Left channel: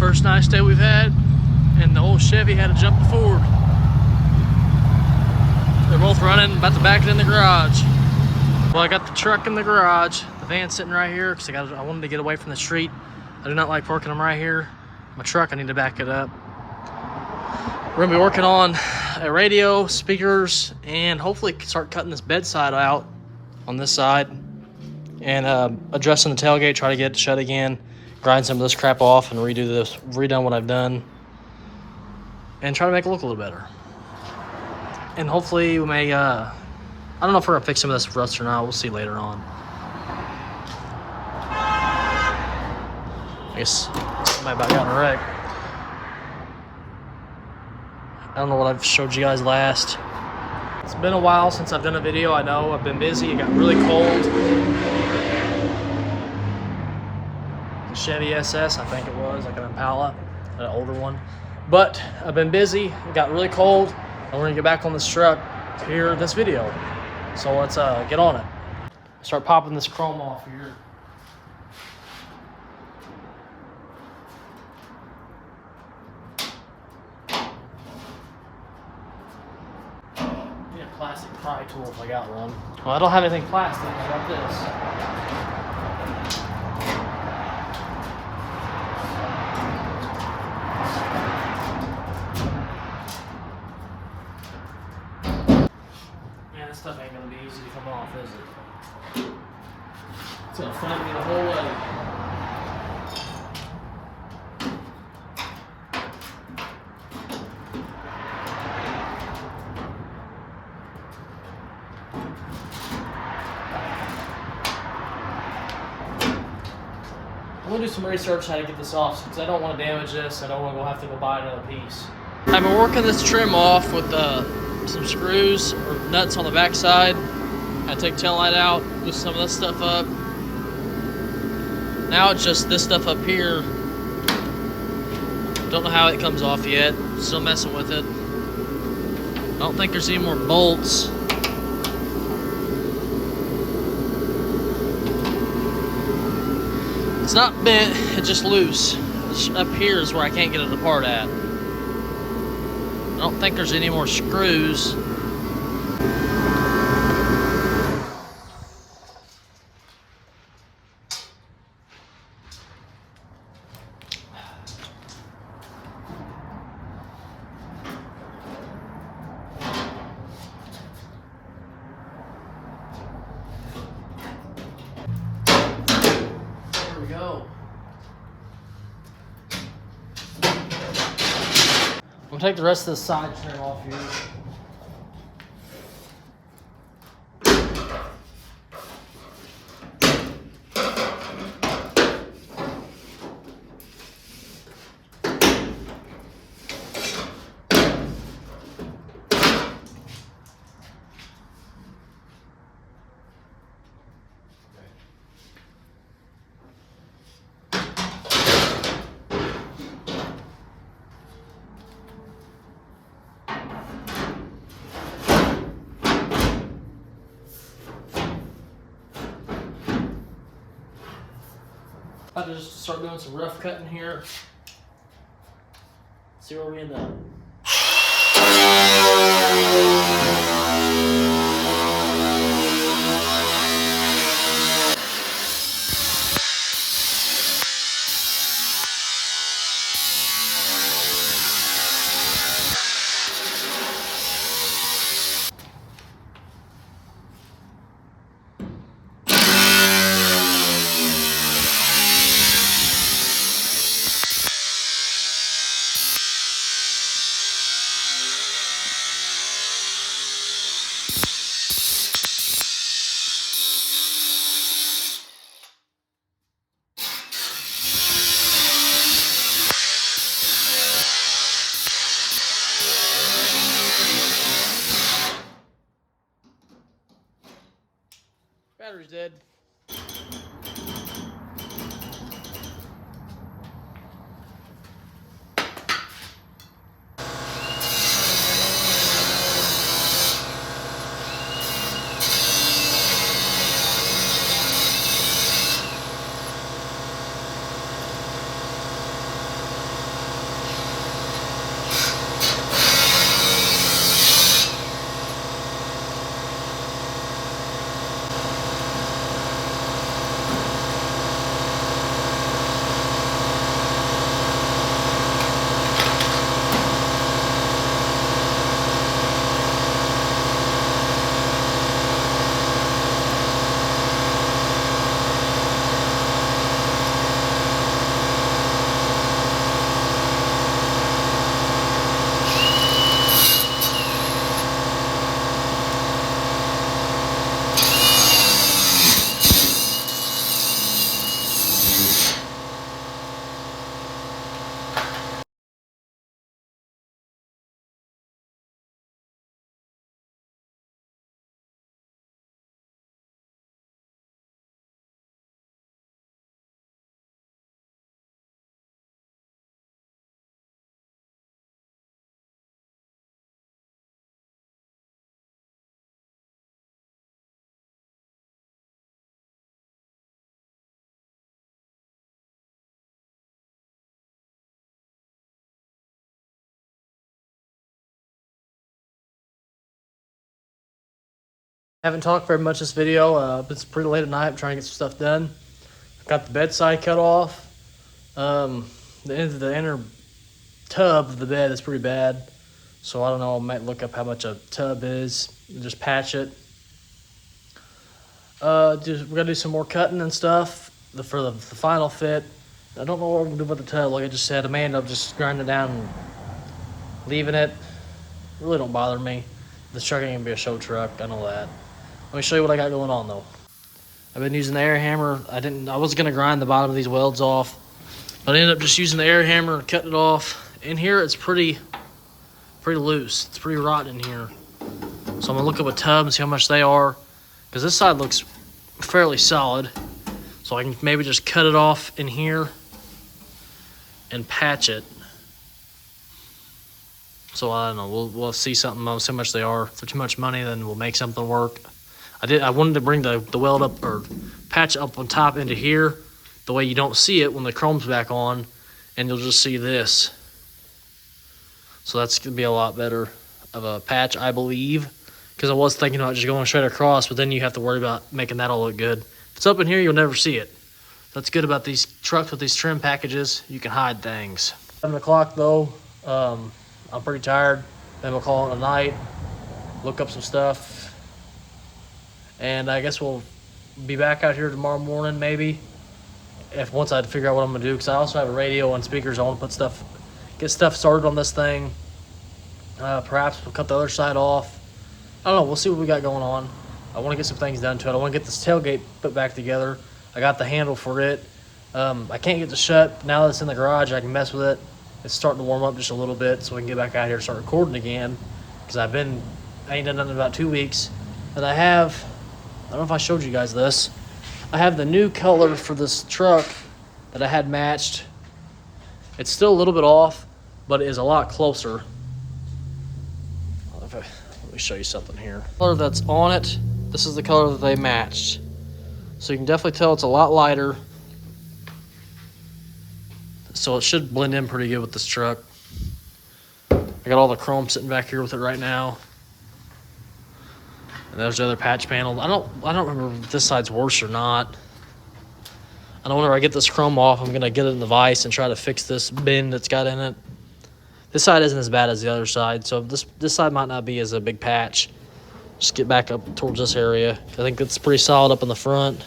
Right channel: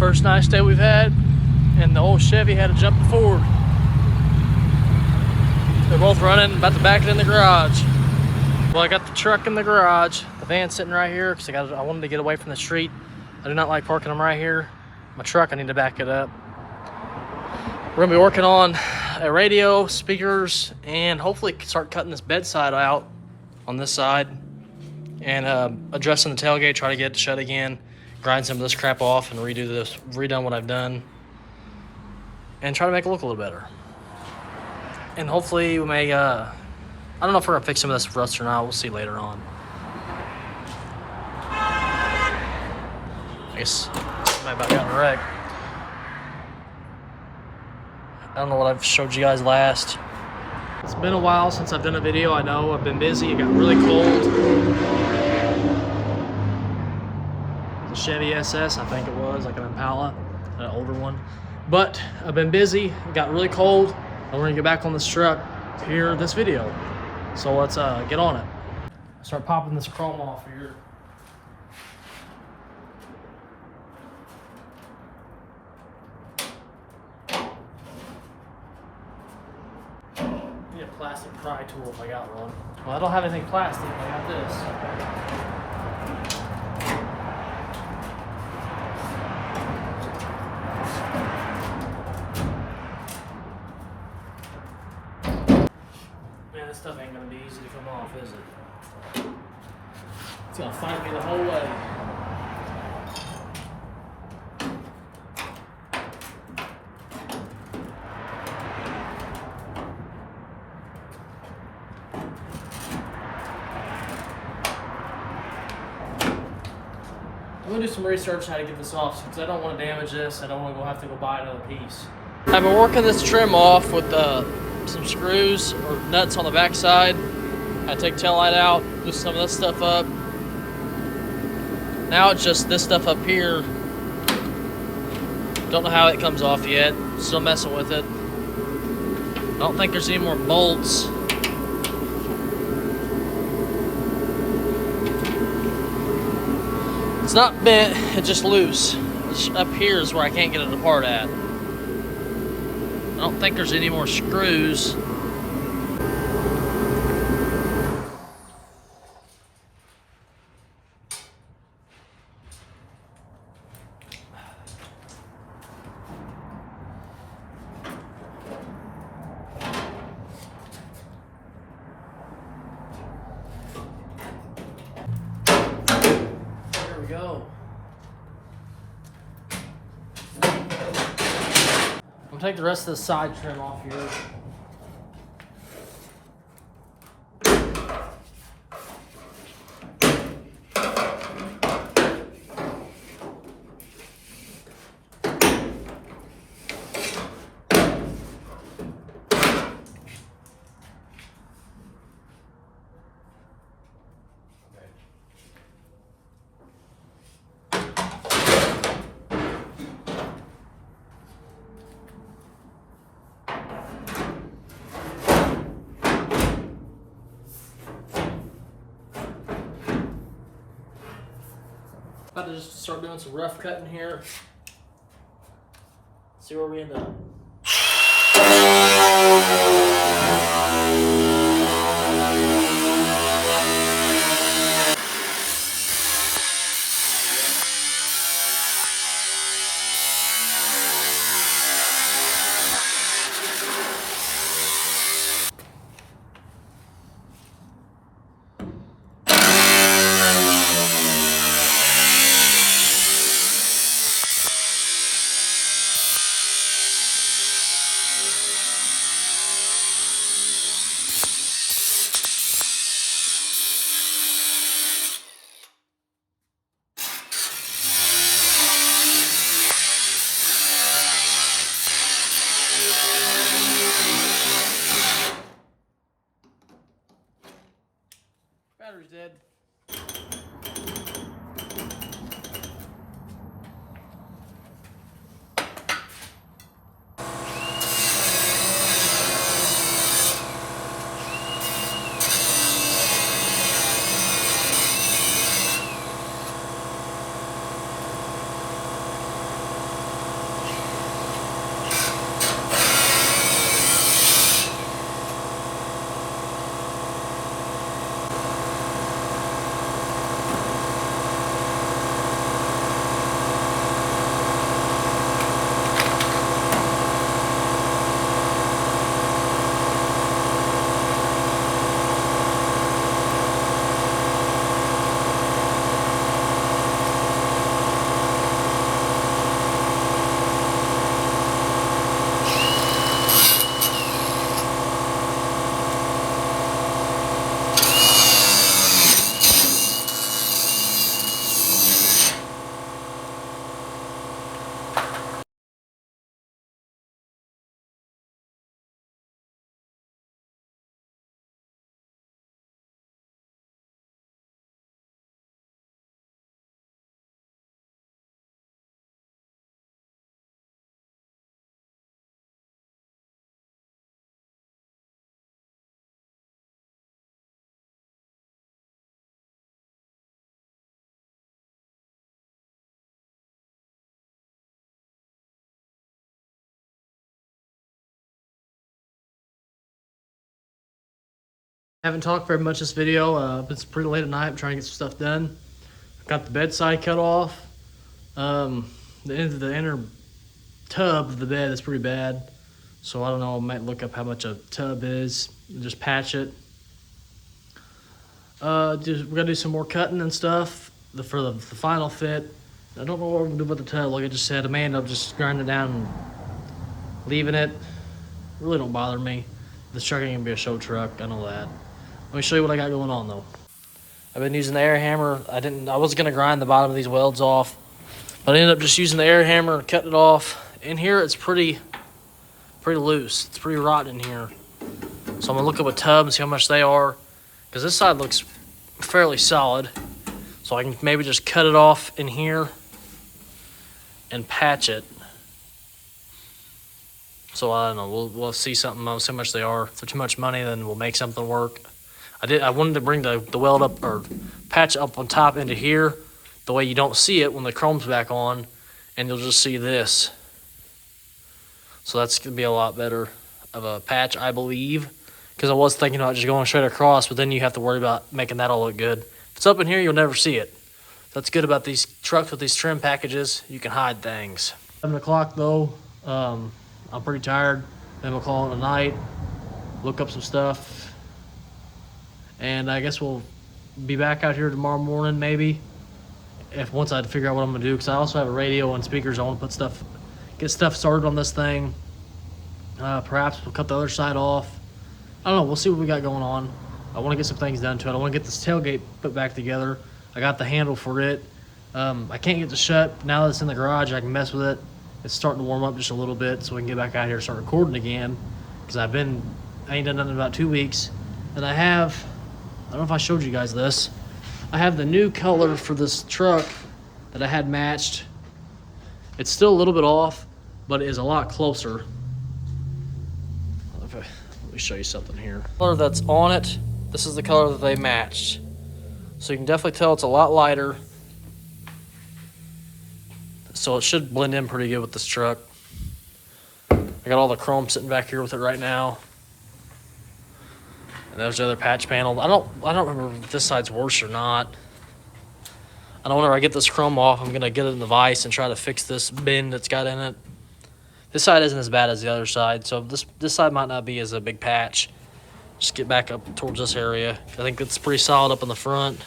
First nice day we've had, and the old Chevy had to jump the Ford. They're both running, about to back it in the garage. Well, I got the truck in the garage, the van's sitting right here because I wanted to get away from the street. I do not like parking them right here. My truck, I need to back it up. We're gonna be working on a radio, speakers, and hopefully start cutting this bedside out on this side and addressing the tailgate, try to get it shut again, grind some of this crap off and redone what I've done, and try to make it look a little better. And hopefully we may, I don't know if we're gonna fix some of this rust or not. We'll see later on. I guess somebody about got in a wreck. I don't know what I've showed you guys last. It's been a while since I've done a video. I know I've been busy. It got really cold. The Chevy SS, I think it was, like an Impala, an older one. But I've been busy. It got really cold. And we're gonna get back on this truck here, this video. So let's get on it. Start popping this chrome off here. Need a plastic pry tool if I got one. Well, I don't have anything plastic. I got this. Man, this stuff ain't gonna be easy to come off, is it? It's gonna find me the whole way. I'm gonna do some research how to get this off because I don't want to damage this. I don't want to have to go buy another piece. I've been working this trim off with some screws or nuts on the back side. I take tail light out, loosen some of this stuff up. Now it's just this stuff up here. Don't know how it comes off yet. Still messing with it. I don't think there's any more bolts. It's not bent, it's just loose. Up here is where I can't get it apart at. I don't think there's any more screws. There we go. I'm gonna take the rest of the side trim off here. I'll just start doing some rough cutting here. See where we end up. Haven't talked very much this video. It's pretty late at night. I'm trying to get some stuff done. Got the bedside cut off. The inner tub of the bed is pretty bad. So I don't know, I might look up how much a tub is and just patch it. We're gonna do some more cutting and stuff for the final fit. I don't know what we're gonna do with the tub. Like I just said, I may end up just grinding it down and leaving it. Really don't bother me. This truck ain't gonna be a show truck, I know that. Let me show you what I got going on though. I've been using the air hammer. I was gonna grind the bottom of these welds off, but I ended up just using the air hammer and cutting it off. In here it's pretty loose. It's pretty rotten in here. So I'm gonna look up a tub and see how much they are, because this side looks fairly solid. So I can maybe just cut it off in here and patch it. So I don't know, we'll see something, see how much they are. For too much money, then we'll make something work. I wanted to bring the weld up, or patch up on top into here, the way you don't see it when the chrome's back on, and you'll just see this. So that's gonna be a lot better of a patch, I believe, because I was thinking about just going straight across, but then you have to worry about making that all look good. If it's up in here, you'll never see it. That's good about these trucks with these trim packages. You can hide things. 7 o'clock though. I'm pretty tired. Then we'll call it a night, look up some stuff, and I guess we'll be back out here tomorrow morning maybe, once I figure out what I'm gonna do, because I also have a radio and speakers. I want to get stuff started on this thing. Perhaps we'll cut the other side off. I don't know, we'll see what we got going on. I want to get some things done to it. I want to get this tailgate put back together. I got the handle for it. I can't get it shut. Now that it's in the garage, I can mess with it. It's starting to warm up just a little bit, so we can get back out here and start recording again, because I ain't done nothing in about 2 weeks. And I don't know if I showed you guys this, I have the new color for this truck that I had matched. It's still a little bit off, but it is a lot closer. Let me show you something here. The color that's on it, this is the color that they matched. So you can definitely tell it's a lot lighter. So it should blend in pretty good with this truck. I got all the chrome sitting back here with it right now. And there's the other patch panel. I don't remember if this side's worse or not. I know whenever I get this chrome off, I'm gonna get it in the vise and try to fix this bend that's got in it. This side isn't as bad as the other side, so this side might not be as a big patch. Just get back up towards this area. I think it's pretty solid up in the front.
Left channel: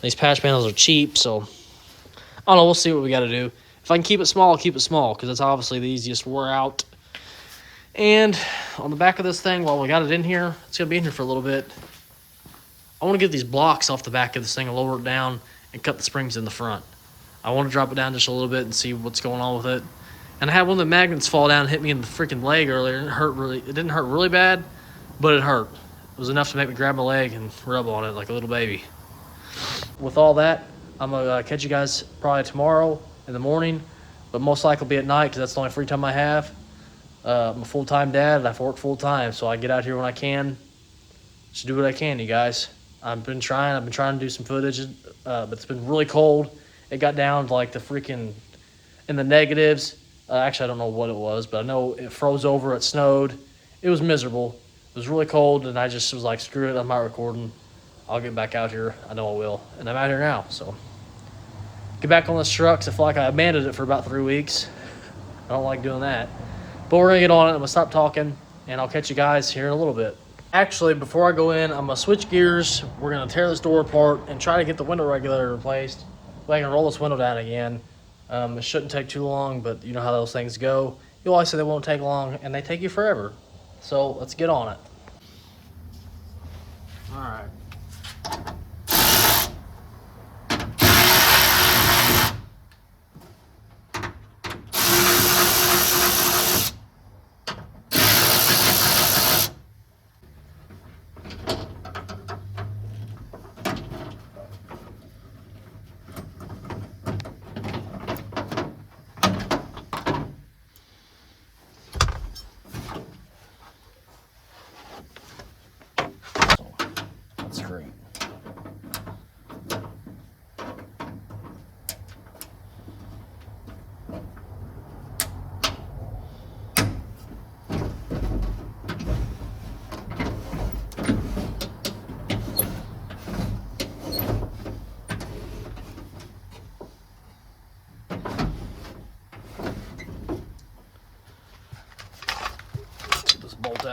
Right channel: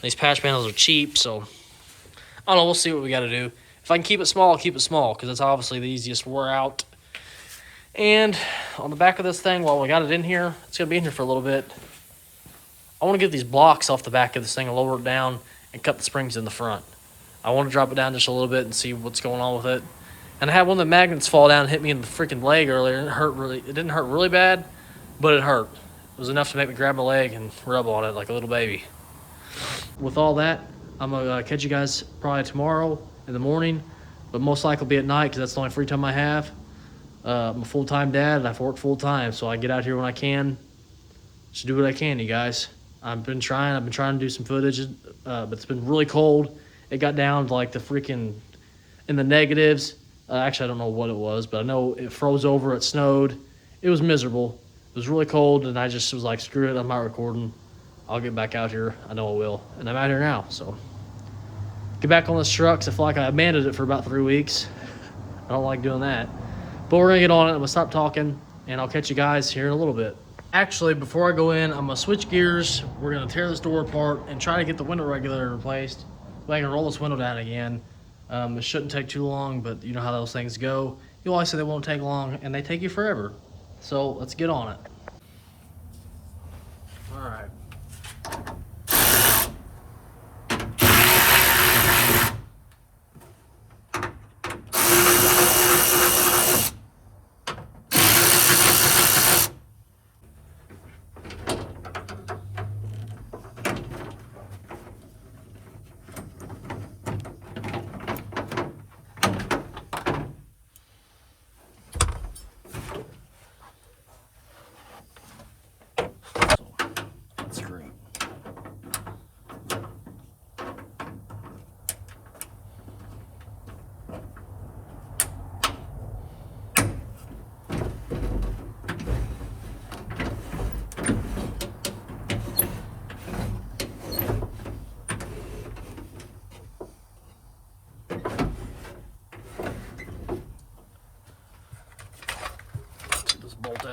These patch panels are cheap, so I don't know, we'll see what we gotta do. If I can keep it small, I'll keep it small, because it's obviously the easiest to wear out. And on the back of this thing, while we got it in here, it's gonna be in here for a little bit. I want to get these blocks off the back of this thing and lower it down and cut the springs in the front. I want to drop it down just a little bit and see what's going on with it. And I had one of the magnets fall down and hit me in the freaking leg earlier, and it didn't hurt really bad, but it hurt. It was enough to make me grab my leg and rub on it like a little baby. With all that, I'm gonna catch you guys probably tomorrow in the morning, but most likely be at night, because that's the only free time I have. I'm a full-time dad, and I have to work full-time, so I get out here when I can. Just do what I can, you guys. I've been trying to do some footage, but it's been really cold. It got down to like the freaking in the negatives. Actually, I don't know what it was, but I know it froze over, it snowed. It was miserable. It was really cold, and I just was like, screw it, I'm not recording. I'll get back out here. I know I will. And I'm out here now, so. Get back on this truck, 'cause I feel like I abandoned it for about 3 weeks. I don't like doing that. But we're gonna get on it. I'm gonna stop talking, and I'll catch you guys here in a little bit. Actually, before I go in, I'm gonna switch gears. We're gonna tear this door apart and try to get the window regulator replaced. I can roll this window down again. It shouldn't take too long, but you know how those things go. You always say they won't take long, and they take you forever. So let's get on it. All right.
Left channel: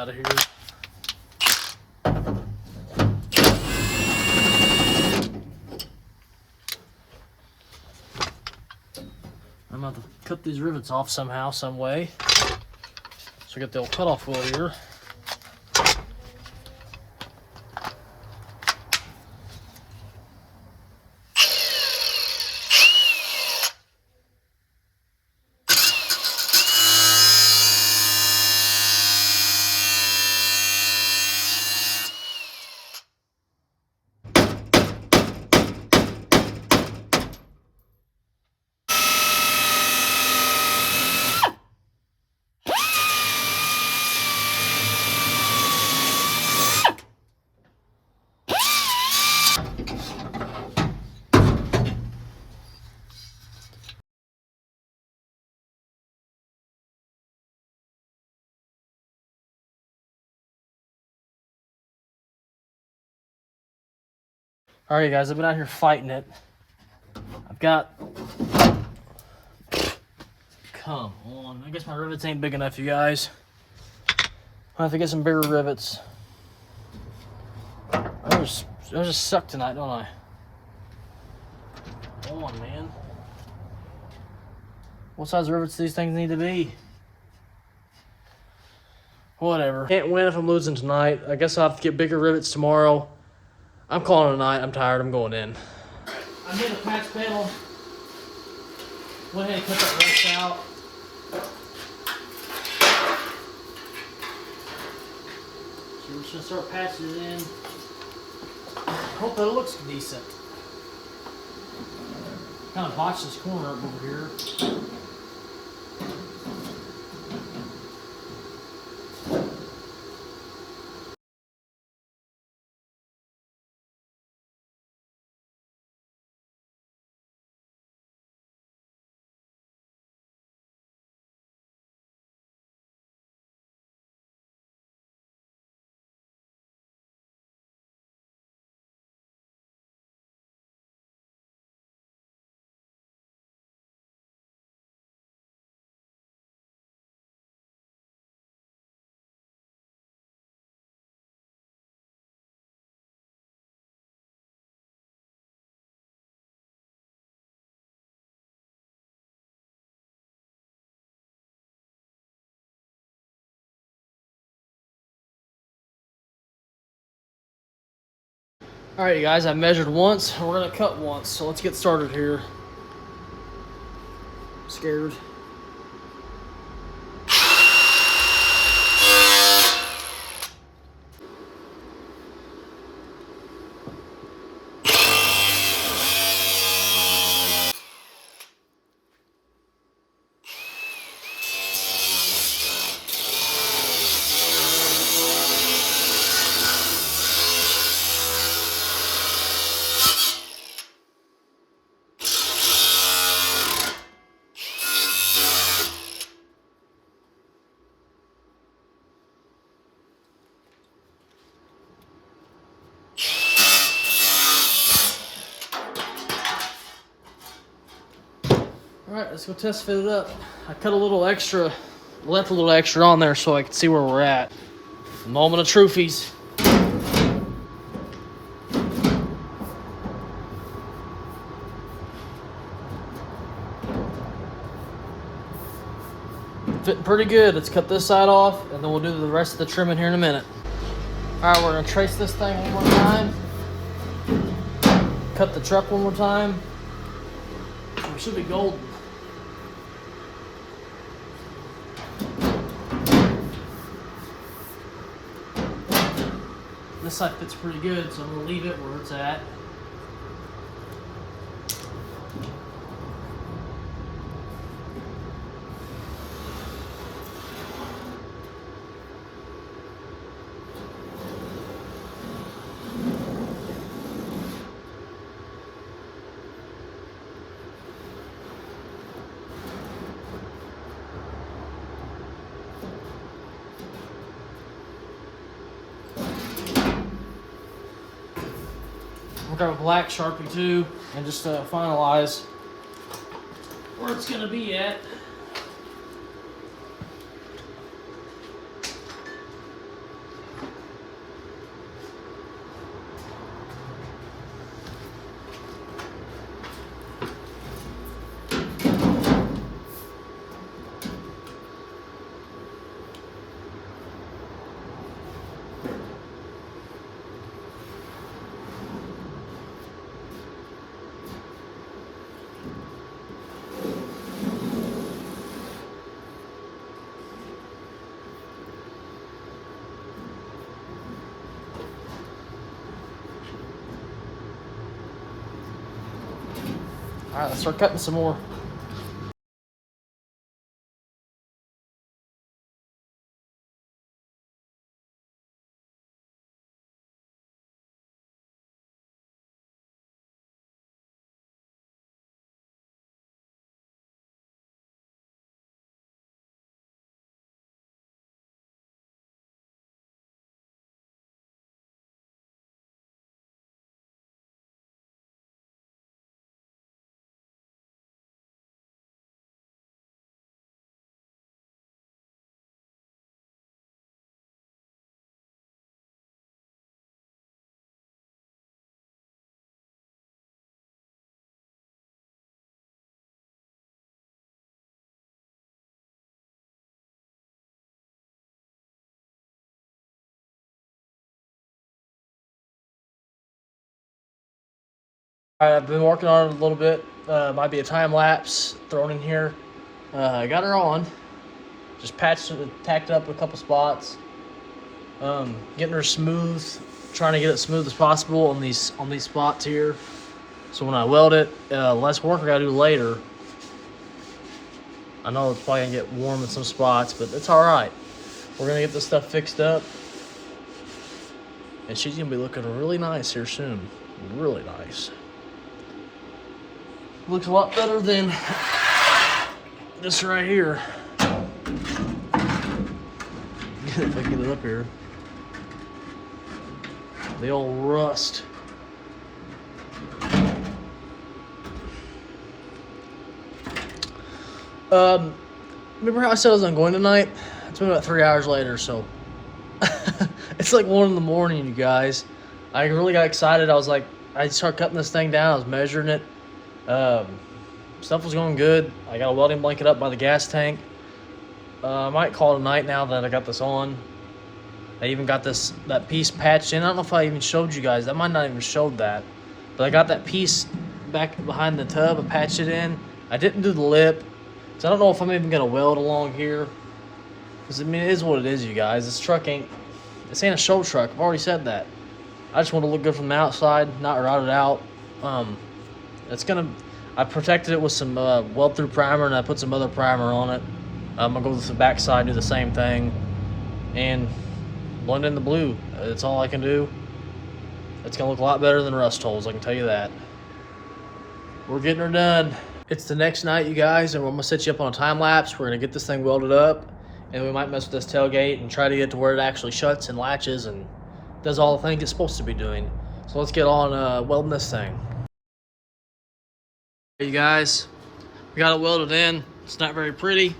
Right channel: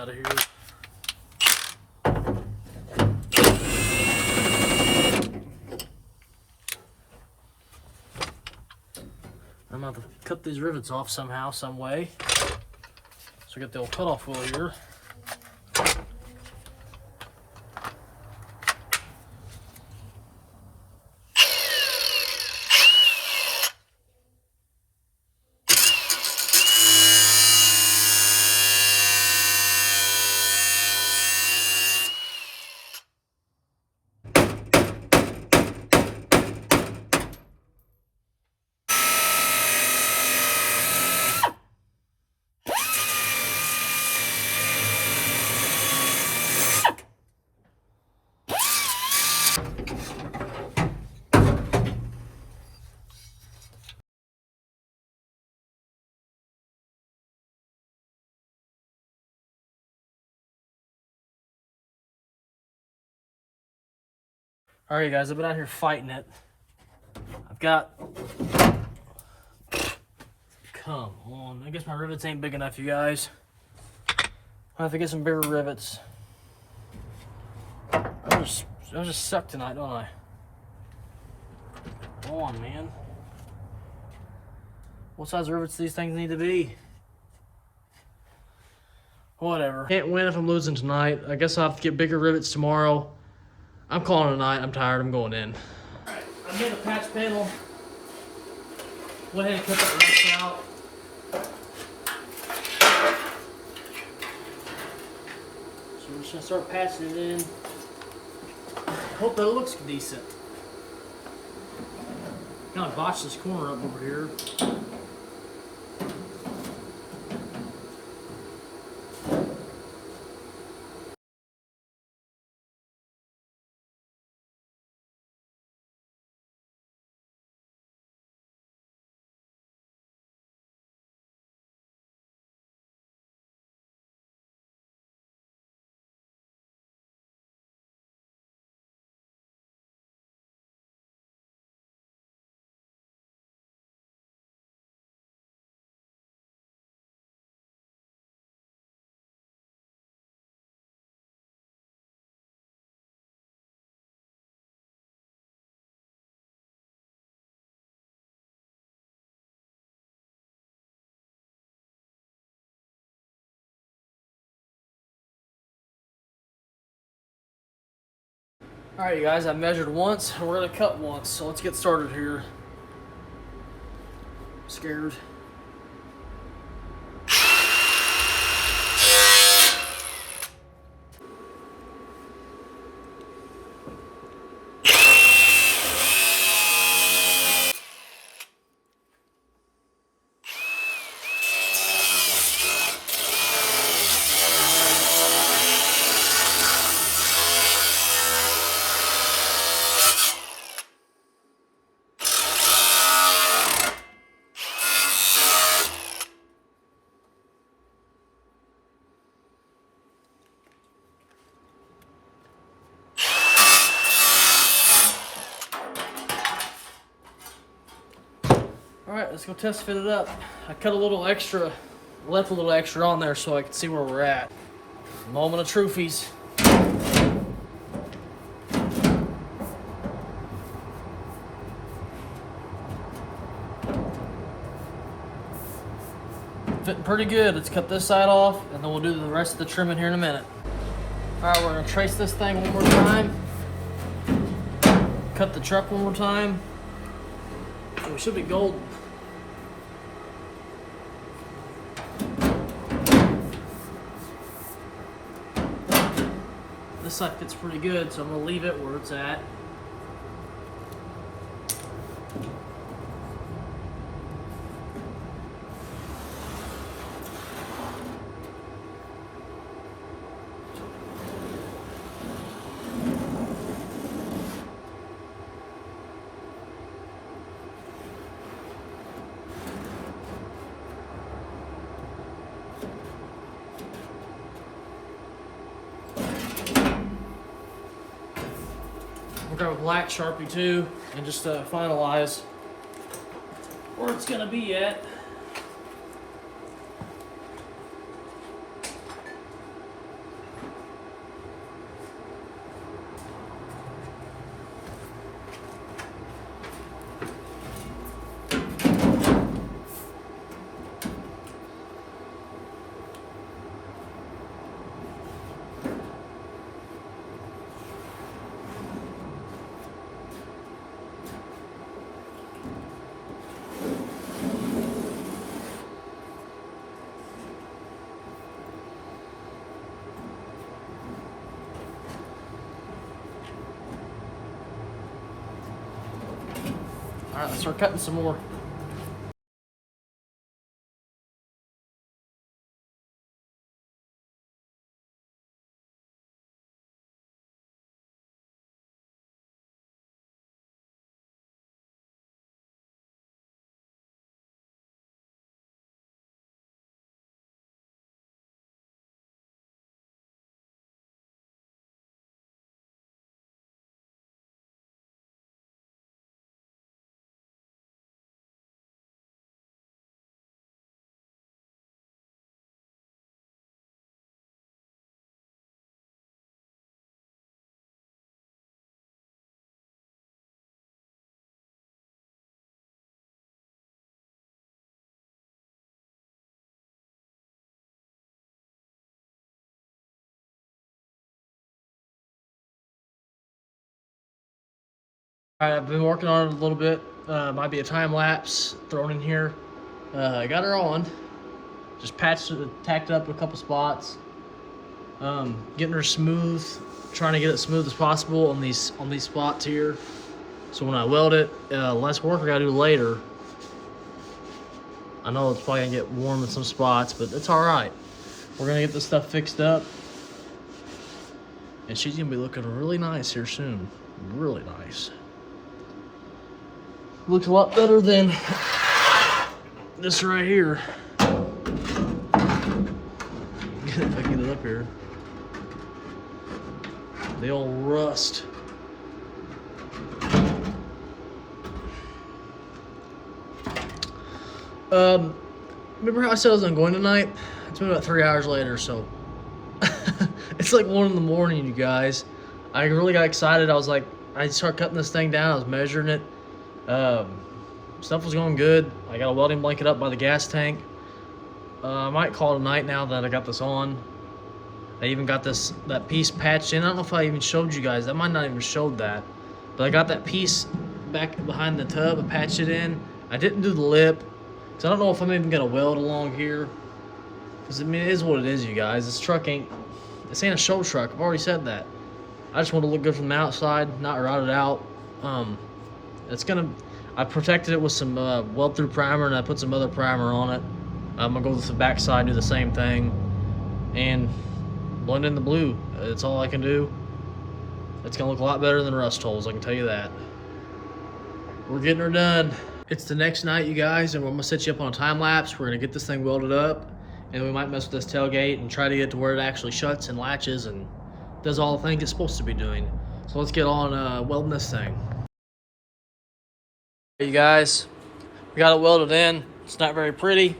out of here. I'm going to cut these rivets off somehow, some way. So we got the old cutoff wheel here. Alright guys, I've been out here fighting it. I've got... Come on. I guess my rivets ain't big enough, you guys. I'll have to get some bigger rivets. I just suck tonight, don't I? Come on, man. What size rivets do these things need to be? Whatever. Can't win if I'm losing tonight. I guess I'll have to get bigger rivets tomorrow. I'm calling it a night. I'm tired. I'm going in. I made a patch panel. Went ahead and cut that rust out. So we're just gonna start patching it in. Hope it looks decent. Kind of botched this corner up over here. Alright guys, I measured once, we're gonna cut once, so let's get started here. I'm scared. Alright, let's go test fit it up. I cut a little extra, left a little extra on there so I can see where we're at. Moment of trophies. Fitting pretty good. Let's cut this side off and then we'll do the rest of the trimming here in a minute. Alright, we're going to trace this thing one more time. Cut the truck one more time. So it should be golden. This side fits pretty good, so I'm going to leave it where it's at. Got a black Sharpie too, and just finalize where it's gonna be at. start cutting some more. All right, I've been working on it a little bit. Might be a time lapse thrown in here. I got her on. Just patched it, tacked up a couple spots. Getting her smooth, trying to get it smooth as possible on these spots here. So when I weld it, less work I gotta do later. I know it's probably gonna get warm in some spots, but it's all right. We're gonna get this stuff fixed up, and she's gonna be looking really nice here soon. Really nice. Looks a lot better than this right here. If I get it up here. They all rust. Remember how I said I was going tonight? It's been about 3 hours later, so it's like 1 in the morning, you guys. I really got excited. I started cutting this thing down. I was measuring it. Stuff was going good. I got a welding blanket up by the gas tank. I might call it a night now that I got this on. I even got that piece patched in. I don't know if I even showed you guys. I might not even showed that. But I got that piece back behind the tub. I patched it in. I didn't do the lip, because I don't know if I'm even going to weld along here. Because, I mean, it is what it is, you guys. This ain't a show truck. I've already said that. I just want to look good from the outside, not rotted out. I protected it with some weld-through primer, and I put some other primer on it. I'm going to go to the back side and do the same thing. And blend in the blue. That's all I can do. It's going to look a lot better than rust holes, I can tell you that. We're getting her done. It's the next night, you guys, and we're going to set you up on a time lapse. We're going to get this thing welded up, and we might mess with this tailgate and try to get to where it actually shuts and latches and does all the things it's supposed to be doing. So let's get on welding this thing. Hey, you guys, we got it welded in. It's not very pretty,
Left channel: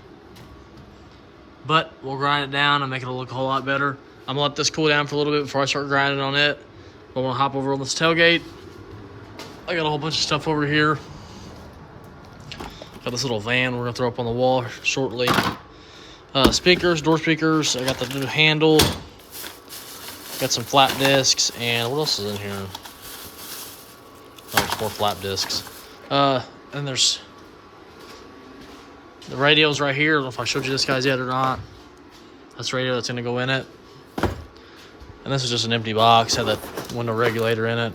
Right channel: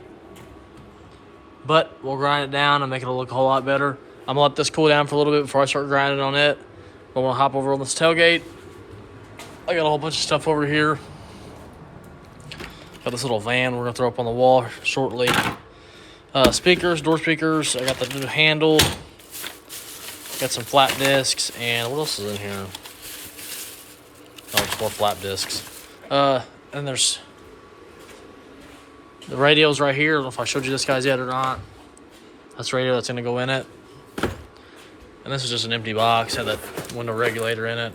but we'll grind it down and make it look a whole lot better. I'm gonna let this cool down for a little bit before I start grinding on it. But I'm gonna hop over on this tailgate. I got a whole bunch of stuff over here. Got this little van we're gonna throw up on the wall shortly. Speakers, door speakers. I got the new handle. Got some flat discs, and what else is in here? Oh, 4 flat discs. And there's the radios right here. I don't know if I showed you this guys yet or not. That's the radio that's gonna go in it. And this is just an empty box. Had that window regulator in it.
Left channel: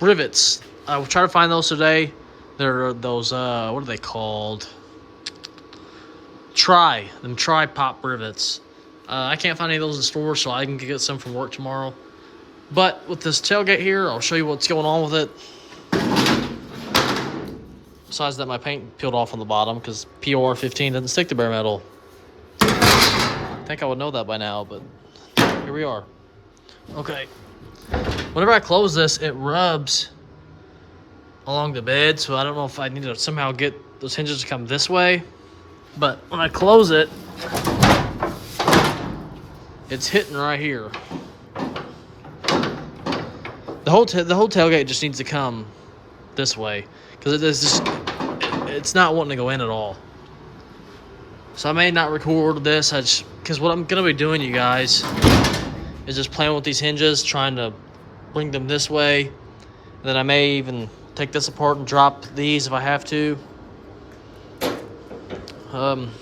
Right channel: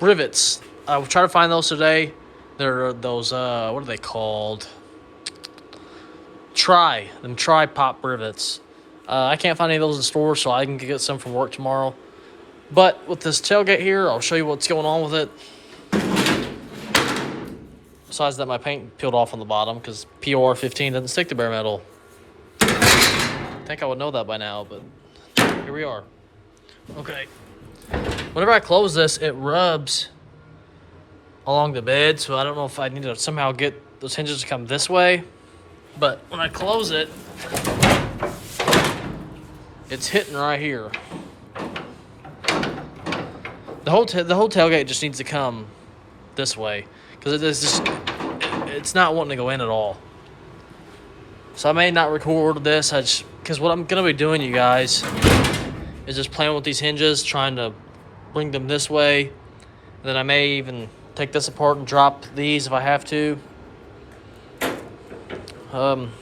Rivets. I will try to find those today. They're those, what are they called? Tri-pop rivets. I can't find any of those in stores, so I can get some from work tomorrow. But with this tailgate here, I'll show you what's going on with it. Besides that, my paint peeled off on the bottom because POR 15 doesn't stick to bare metal. I think I would know that by now, but here we are. Okay. Whenever I close this, it rubs along the bed, so I don't know if I need to somehow get those hinges to come this way. But when I close it, it's hitting right here. The whole tailgate just needs to come this way because it's not wanting to go in at all. So I may not record this. Because what I'm gonna be doing, you guys, is just playing with these hinges, trying to bring them this way. And then I may even take this apart and drop these if I have to. I'm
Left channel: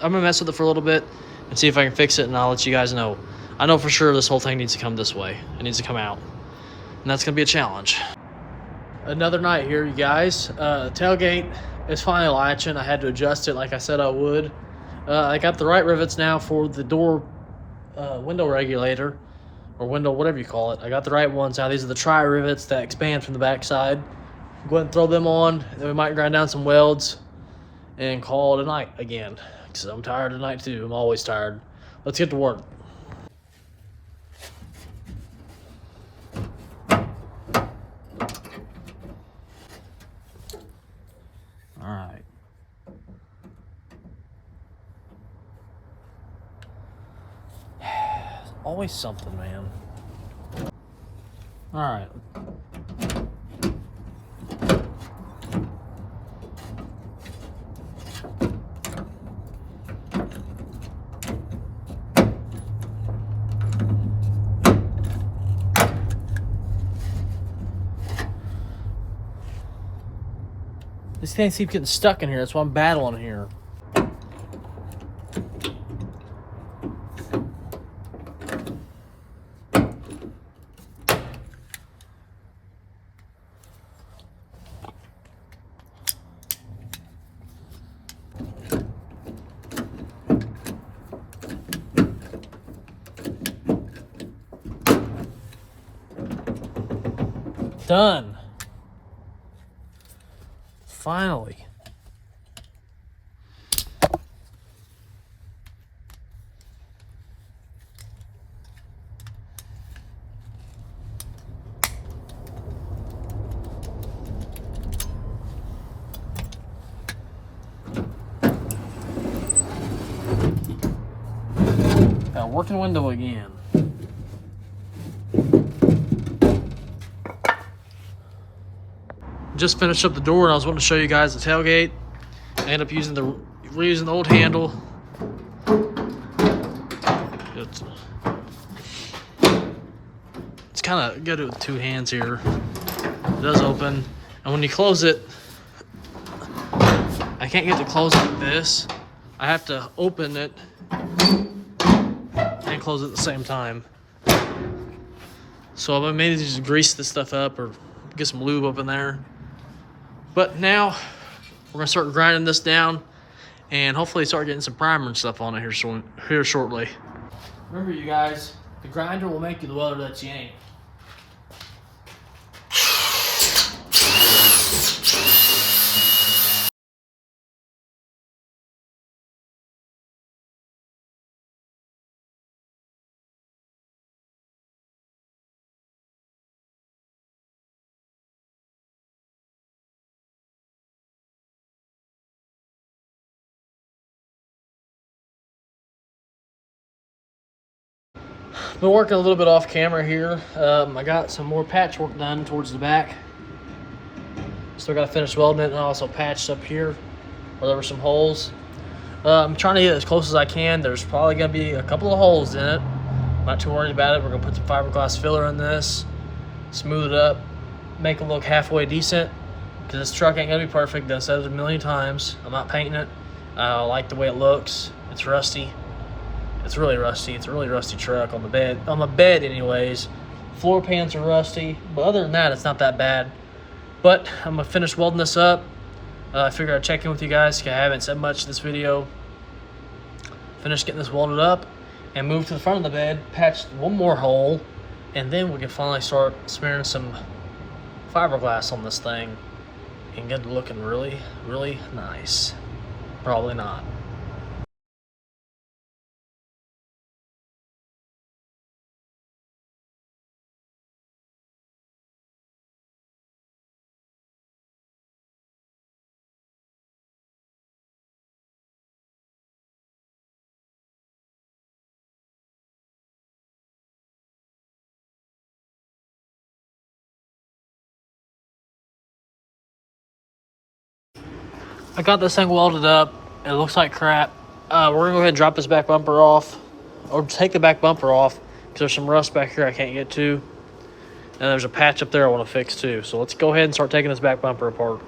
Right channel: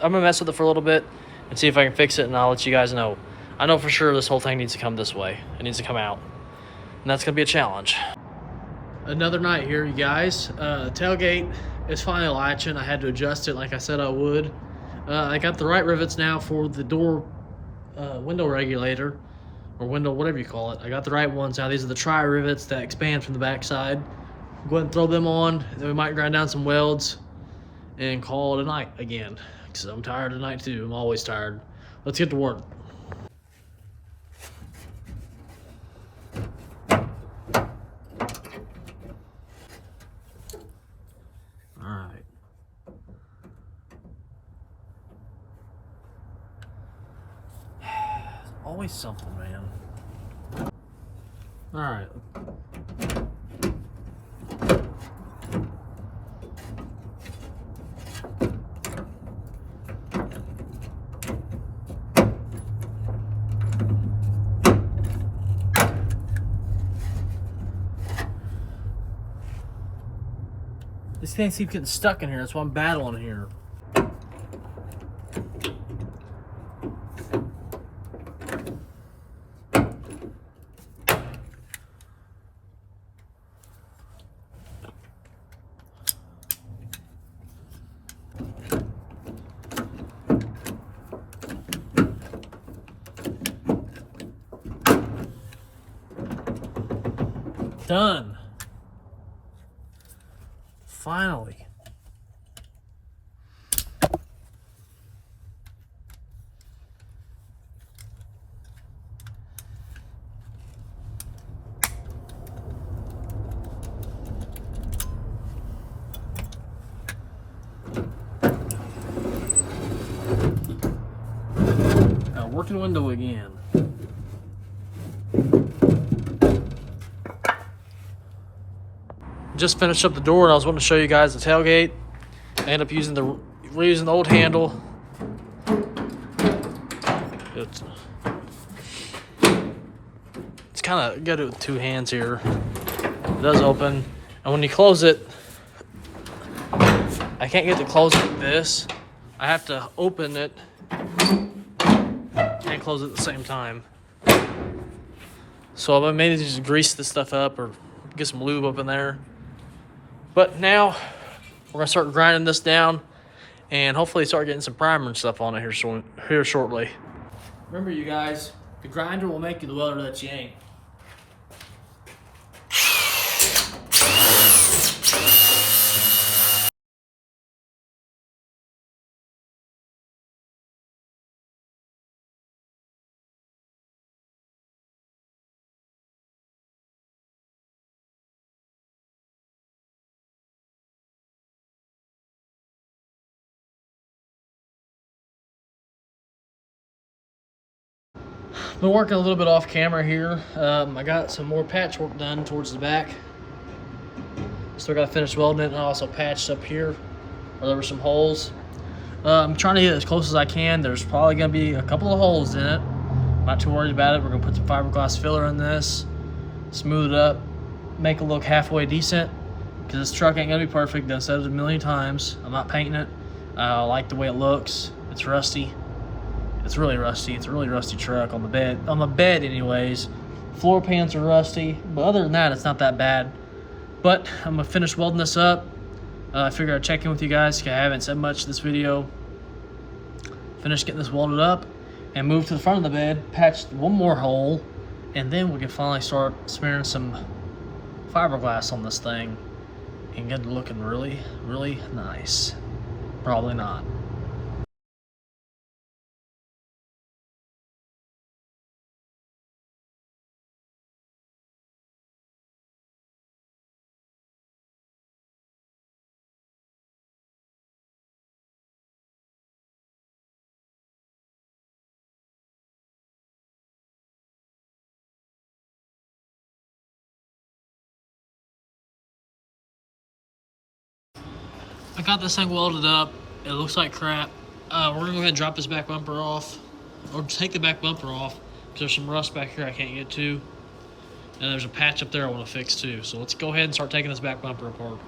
gonna mess with it for a little bit and see if I can fix it, and I'll let you guys know. I know for sure this whole thing needs to come this way. It needs to come out. And that's gonna be a challenge. Another night here, you guys. Tailgate is finally latching. I had to adjust it like I said I would. I got the right rivets now for the door window regulator, or window, whatever you call it. I got the right ones now. These are the tri rivets that expand from the backside. Go ahead and throw them on, then we might grind down some welds and call it a night again, because I'm tired tonight too. I'm always tired. Let's get to work. All right. Always something, man. All right. These things keep getting stuck in here. That's why I'm battling here. Done. Finally. Got a working window again. Just finished up the door and I was wanting to show you guys the tailgate. I ended up reusing the old handle. It's kind of, you gotta do it with two hands here. It does open, and when you close it, I can't get to close it like this. I have to open it and close it at the same time. So I may just grease this stuff up or get some lube up in there. But now we're gonna start grinding this down and hopefully start getting some primer and stuff on it here shortly. Remember, you guys, the grinder will make you the welder that you ain't. Been working a little bit off camera here. I got some more patchwork done towards the back. Still got to finish welding it, and I also patched up here where there were some holes. I'm trying to get as close as I can. There's probably going to be a couple of holes in it. I'm not too worried about it. We're going to put some fiberglass filler in this, smooth it up, make it look halfway decent, because this truck ain't going to be perfect. I've said it a million times. I'm not painting it. I like the way it looks. It's rusty. It's really rusty. It's a really rusty truck on the bed. On the bed, anyways. Floor pans are rusty, but other than that, it's not that bad. But I'm gonna finish welding this up. I figured I'd check in with you guys because I haven't said much this video. Finish getting this welded up and move to the front of the bed, patch one more hole, and then we can finally start smearing some fiberglass on this thing and get it looking really, really nice. Probably not. I got this thing welded up. It looks like crap. We're gonna go ahead and drop this back bumper off, or take the back bumper off, because there's some rust back here I can't get to. And there's a patch up there I want to fix too. So let's go ahead and start taking this back bumper apart.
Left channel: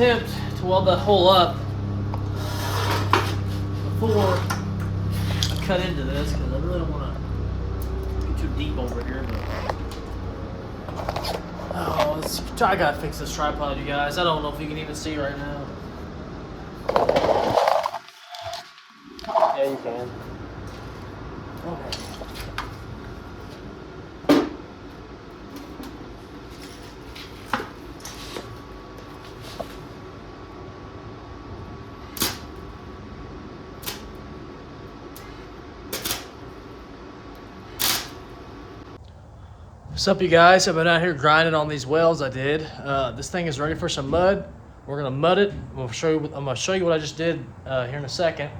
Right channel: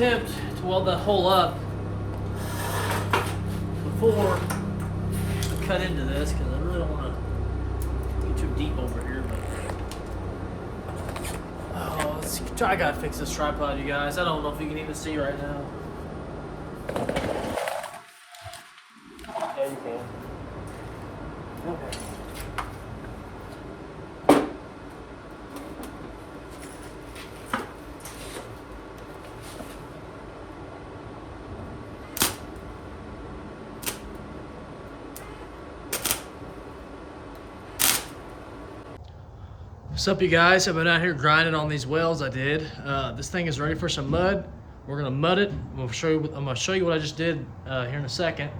attempt to weld that hole up before I cut into this, because I really don't want to get too deep over here. But I gotta fix this tripod, you guys. I don't know if you can even see right now. Yeah, you can. Okay. What's up, you guys? I've been out here grinding on these welds I did. This thing is ready for some mud. We're gonna mud it. I'm gonna show you what I just did here in a second.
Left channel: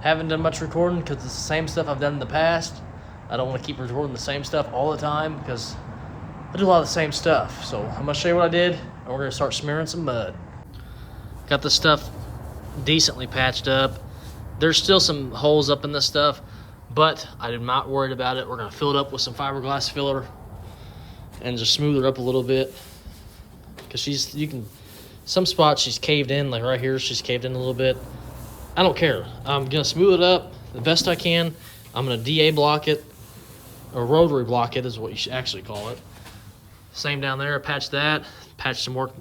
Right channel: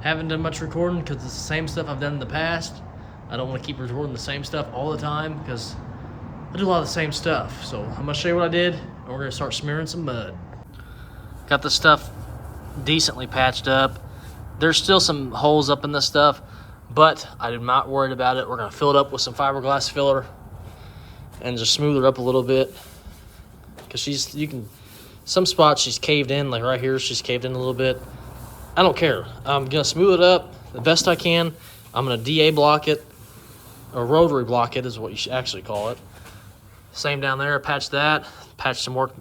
Haven't done much recording because it's the same stuff I've done in the past. I don't want to keep recording the same stuff all the time because I do a lot of the same stuff. So I'm gonna show you what I did, and we're gonna start smearing some mud. Got this stuff decently patched up. There's still some holes up in this stuff, but I'm not worried about it. We're gonna fill it up with some fiberglass filler and just smooth it up a little bit, because some spots she's caved in, like right here she's caved in a little bit. I don't care. I'm gonna smooth it up the best I can. I'm gonna DA block it, or rotary block it is what you should actually call it. Same down there, patched that, patched some work,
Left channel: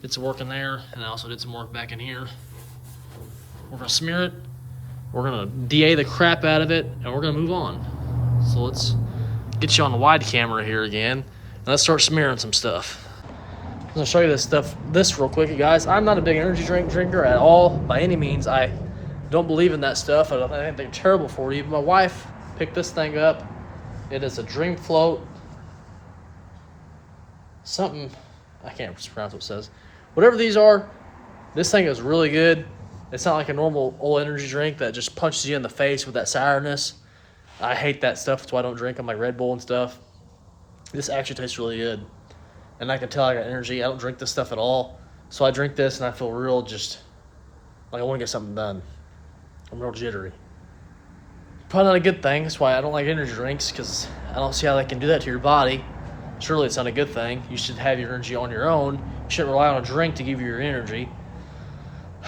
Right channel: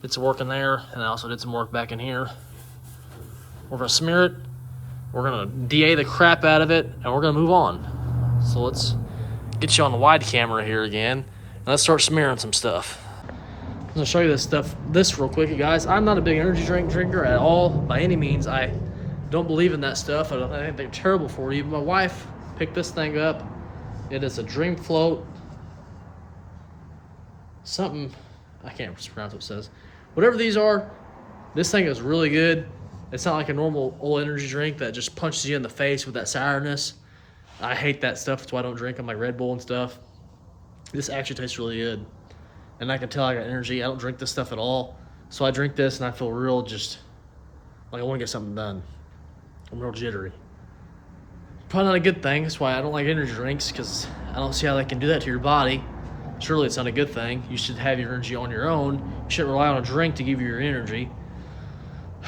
did some work in there, and I also did some work back in here. We're gonna smear it, we're gonna DA the crap out of it, and we're gonna move on. So let's get you on the wide camera here again. Let's start smearing some stuff. I'm gonna show you this real quick, you guys. I'm not a big energy drink drinker at all, by any means. I don't believe in that stuff. I think they're terrible for you. My wife picked this thing up. It is a Dream Float. Something, I can't pronounce what it says. Whatever these are, this thing is really good. It's not like a normal old energy drink that just punches you in the face with that sourness. I hate that stuff. That's why I don't drink them, like Red Bull and stuff. This actually tastes really good, and I can tell I got energy. I don't drink this stuff at all, so I drink this and I feel real, just like I want to get something done. I'm real jittery. Probably not a good thing. That's why I don't like energy drinks, because I don't see how they can do that to your body. Surely it's not a good thing. You should have your energy on your own. You shouldn't rely on a drink to give you your energy.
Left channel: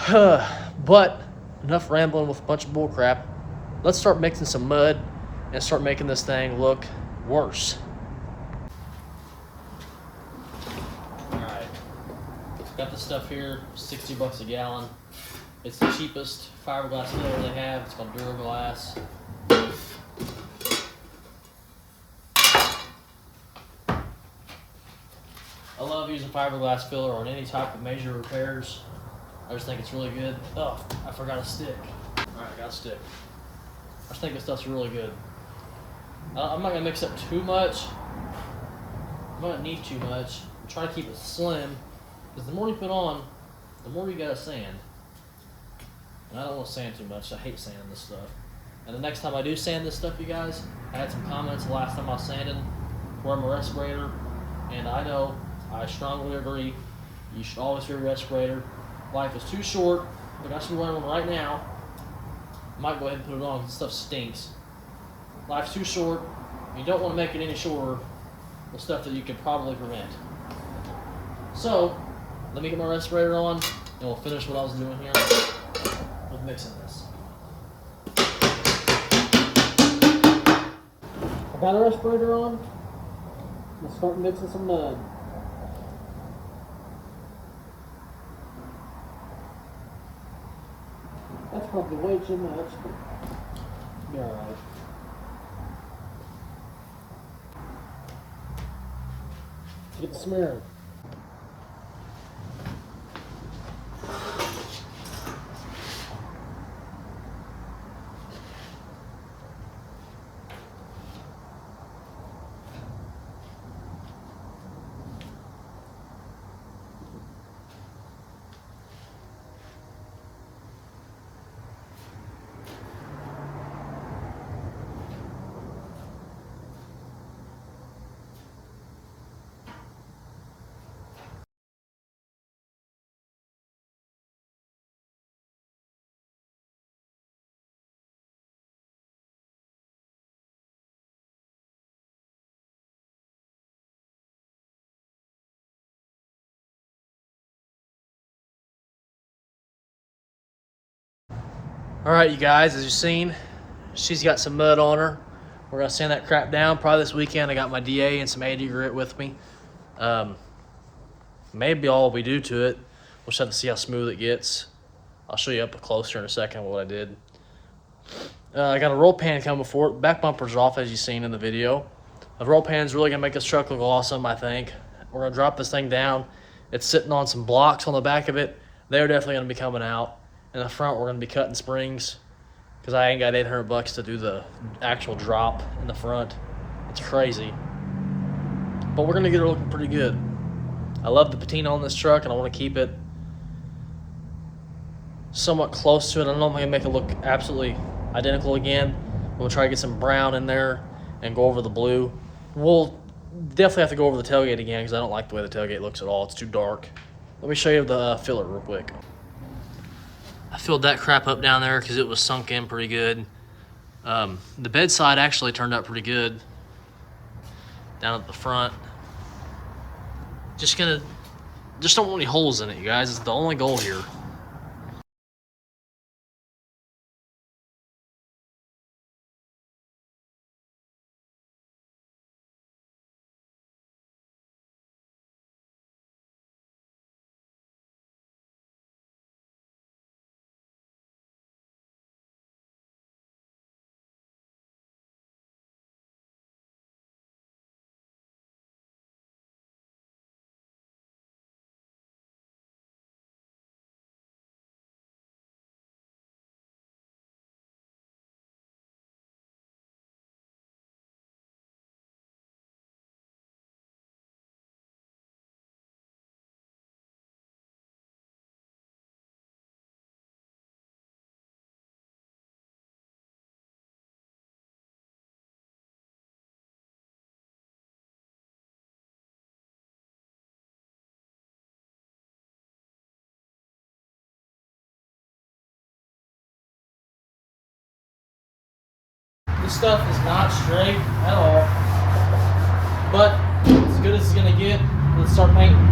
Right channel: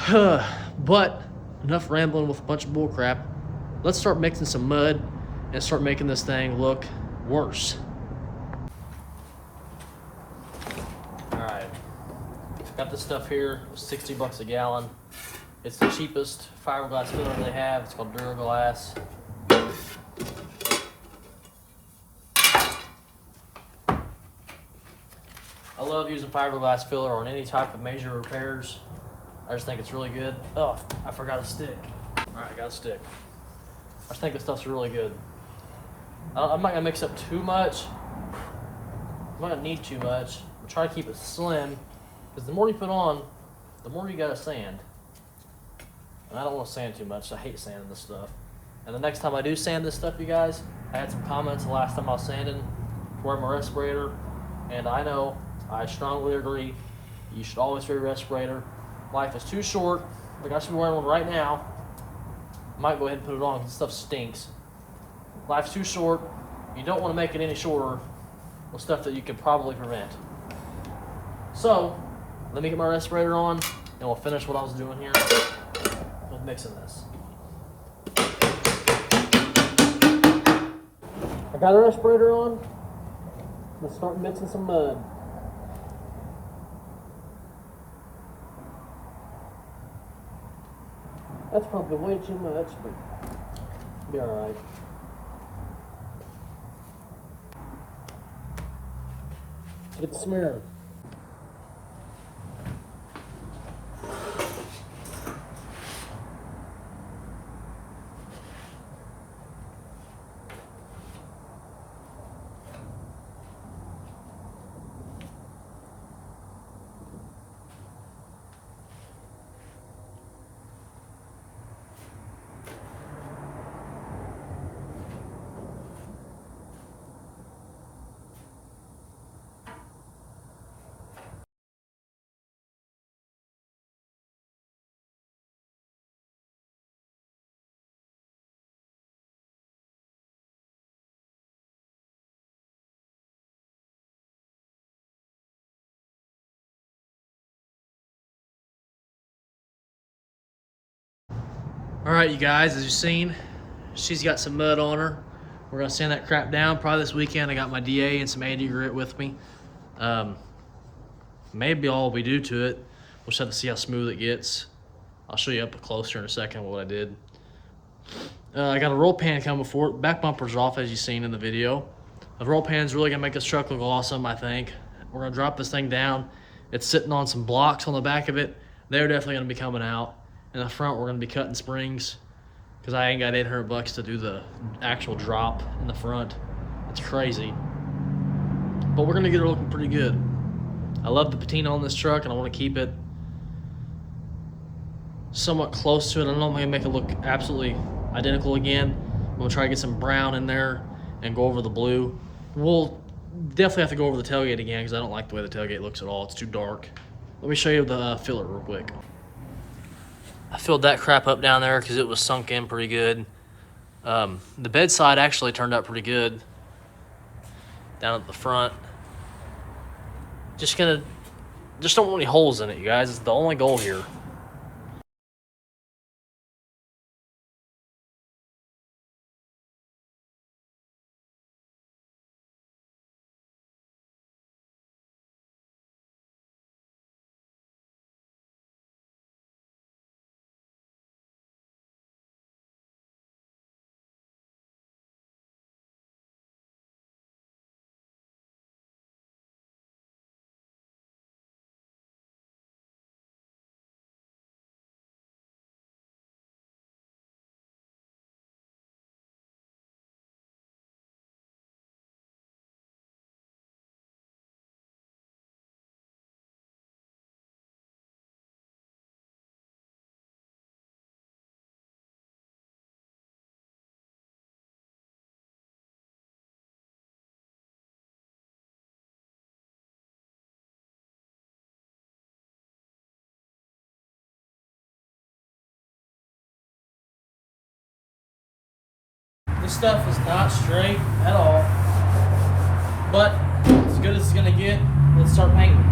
But enough rambling with a bunch of bull crap. Let's start mixing some mud and start making this thing look worse. Got this stuff here, $60 a gallon. It's the cheapest fiberglass filler they have. It's called Duraglass. I love using fiberglass filler on any type of major repairs. I just think it's really good. Oh, I forgot a stick. All right, I got a stick. I just think this stuff's really good. I'm not gonna mix up too much. I don't need too much. I'm trying to keep it slim, because the more you put on, the more you gotta sand. And I don't want to sand too much. I hate sanding this stuff. And the next time I do sand this stuff, you guys, I had some comments the last time I was sanding, wearing my respirator. And I know, I strongly agree, you should always wear a respirator. Life is too short. Like I should be wearing one right now. I might go ahead and put it on because this stuff stinks. Life's too short. You don't want to make it any shorter with stuff that you could probably prevent. So, let me get my respirator on, and we'll finish what I was doing here with mixing this. I got a respirator on. Let's start mixing some mud. That's probably way too much, but be alright. Get the smear. All right, you guys, as you've seen, she's got some mud on her. We're gonna sand that crap down probably this weekend. I got my DA and some 80 grit with me. Maybe all we do to it. We'll just have to see how smooth it gets. I'll show you up closer in a second what I did. I got a roll pan coming before it. Back bumper's off, as you've seen in the video. The roll pan's really gonna make this truck look awesome, I think. We're gonna drop this thing down. It's sitting on some blocks on the back of it. They're definitely gonna be coming out. In the front, we're gonna be cutting springs because I ain't got 800 bucks to do the actual drop in the front. It's crazy. But we're gonna get it looking pretty good. I love the patina on this truck and I wanna keep it somewhat close to it. I don't know if I'm gonna make it look absolutely identical again. We'll try to get some brown in there and go over the blue. We'll definitely have to go over the tailgate again because I don't like the way the tailgate looks at all. It's too dark. Let me show you the filler real quick. I filled that crap up down there because it was sunk in pretty good. The bedside actually turned out pretty good down at the front. Just don't want any holes in it, you guys. It's the only goal here. This stuff is not straight at all, but as good as it's gonna get. Let's start painting.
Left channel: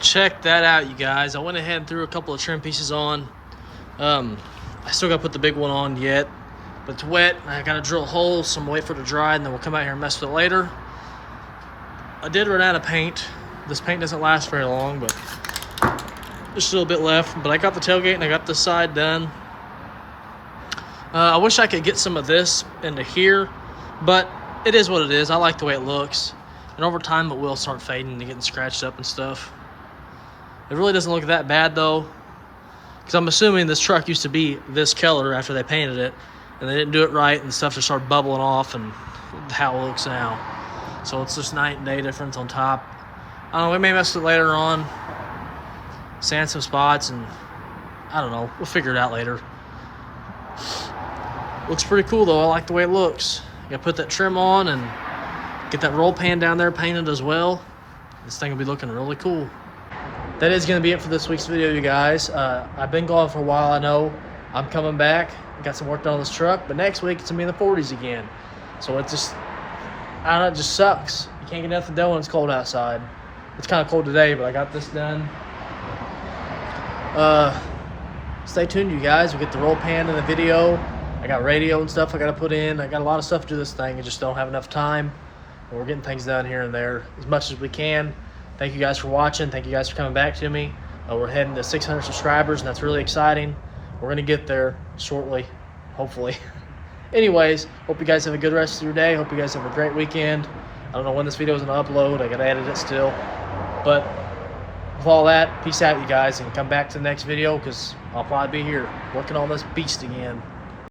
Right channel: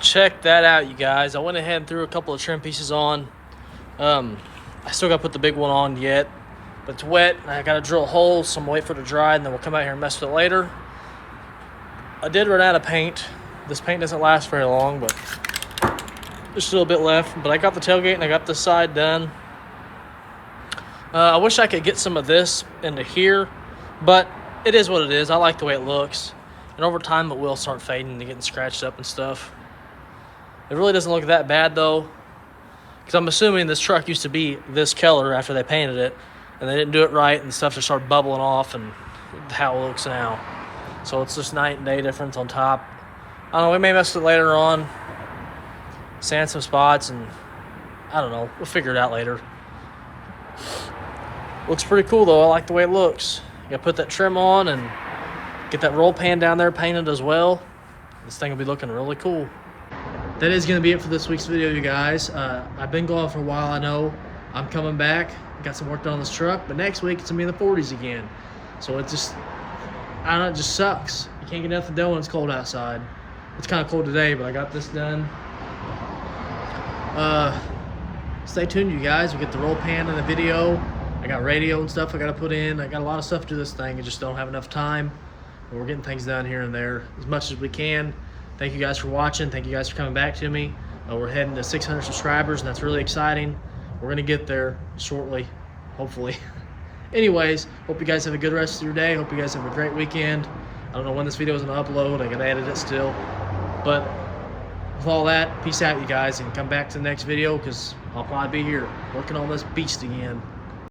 Check that out, you guys. I went ahead and threw a couple of trim pieces on. I still got to put the big one on yet, but it's wet. I got to drill holes, so I'm gonna wait for it to dry, and then we'll come out here and mess with it later. I did run out of paint. This paint doesn't last very long, but there's still a bit left. But I got the tailgate and I got the side done. I wish I could get some of this into here, but it is what it is. I like the way it looks, and over time it will start fading and getting scratched up and stuff. It really doesn't look that bad though, because I'm assuming this truck used to be this color after they painted it, and they didn't do it right, and stuff just started bubbling off, and how it looks now. So it's just night and day difference on top. I don't know, we may mess with it later on, sand some spots, and I don't know, we'll figure it out later. Looks pretty cool though. I like the way it looks. Gotta put that trim on and get that roll pan down there painted as well. This thing will be looking really cool. That is going to be it for this week's video, you guys. I've been gone for a while, I know. I'm coming back. Got some work done on this truck, but next week it's going to be in the 40s again. So it just, I don't know, it just sucks. You can't get nothing done when it's cold outside. It's kind of cold today, but I got this done. Stay tuned, you guys. We get the roll pan in the video. I got radio and stuff I got to put in. I got a lot of stuff to do this thing. I just don't have enough time. But we're getting things done here and there as much as we can. Thank you guys for watching. Thank you guys for coming back to me. We're heading to 600 subscribers, and that's really exciting. We're going to get there shortly, hopefully. Anyways, hope you guys have a good rest of your day. Hope you guys have a great weekend. I don't know when this video is going to upload. I got to edit it still. But with all that, peace out, you guys, and come back to the next video because I'll probably be here working on this beast again.